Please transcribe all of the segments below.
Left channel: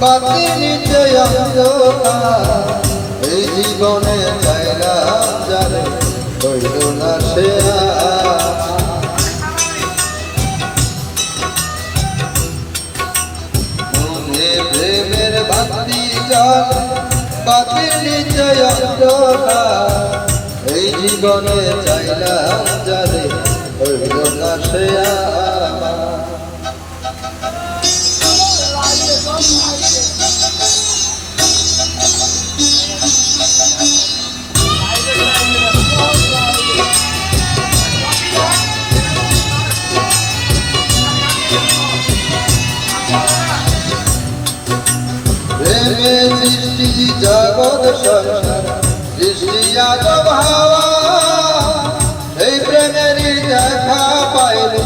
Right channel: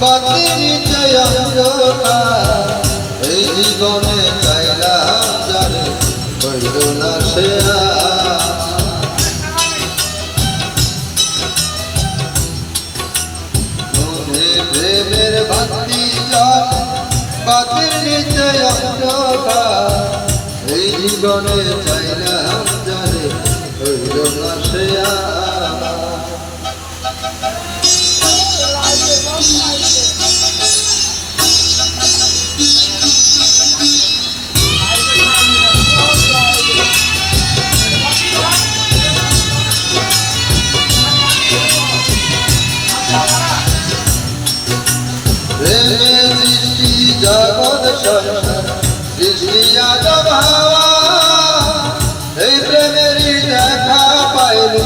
বাতির নিচে অন্ধকার এই জীবনে চাইলাম যারে হইল না সে মনে প্রেমের বাতি জল বাতির নিচে অন্ধকার এই জীবনে চাইলাম যারে হইল না সে প্রেমে সৃষ্টি জগৎ সংসার সৃষ্টি আজব হাওয়া এই প্রেমেরই দেখা পাইলে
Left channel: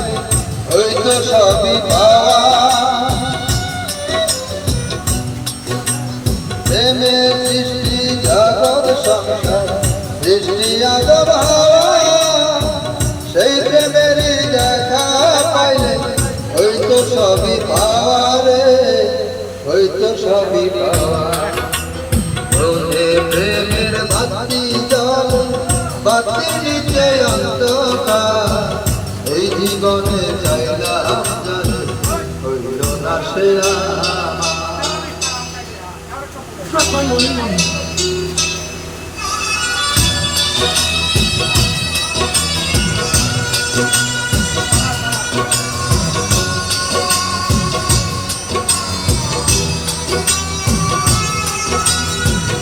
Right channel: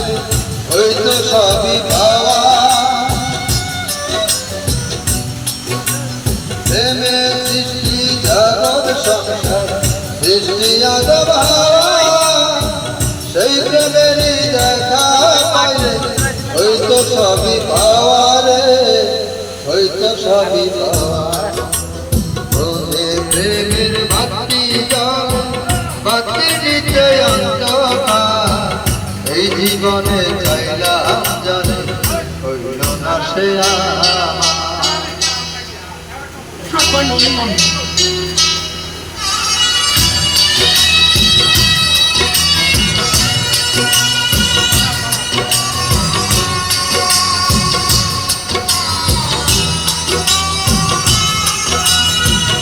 হয়তো সবই পাওয়া প্রেমে সৃষ্টি জগৎ সংসার সৃষ্টি আজব হাওয়া সেই প্রেমেরই দেখা পাইলে হয়তো সবই পাওয়া রে হয়তো সবই পাওয়া রোদে প্রেমের বাতি জল বাতির নিচে অন্ধকার এই জীবনে চাইলাম জানে হইল না সে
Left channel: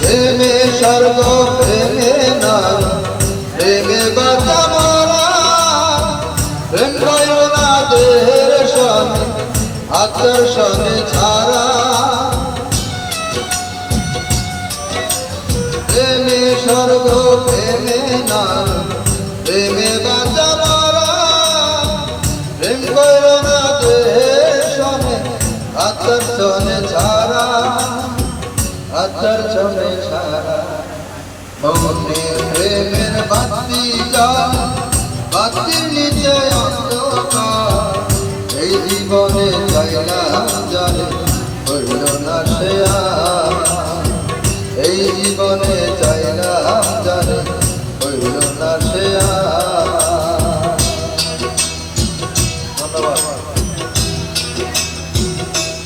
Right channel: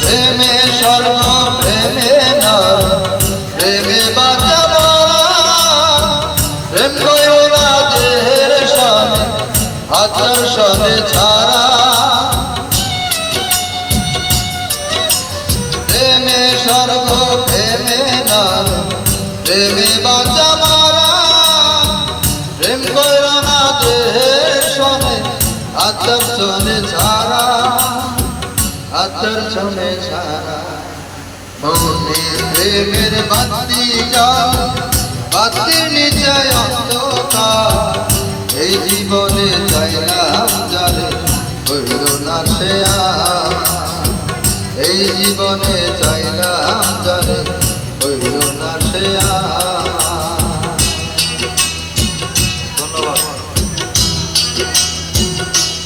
প্রেমে স্বর্গ প্রেমে নর প্রেমে বাঁচা মরা প্রেম কইও না দেহের সনে আতর সনে ছাড়া প্রেমে স্বর্গ প্রেমে নর প্রেমে বাঁচা মরা প্রেম কইও না দেহের সনে আতর সনে ছাড়া আতর ছনে ছাড়া মনে প্রেমের বাতি জল বাতির নিচে অন্ধকার এই জীবনে চাইলাম যারে হইল না সে এই জীবনে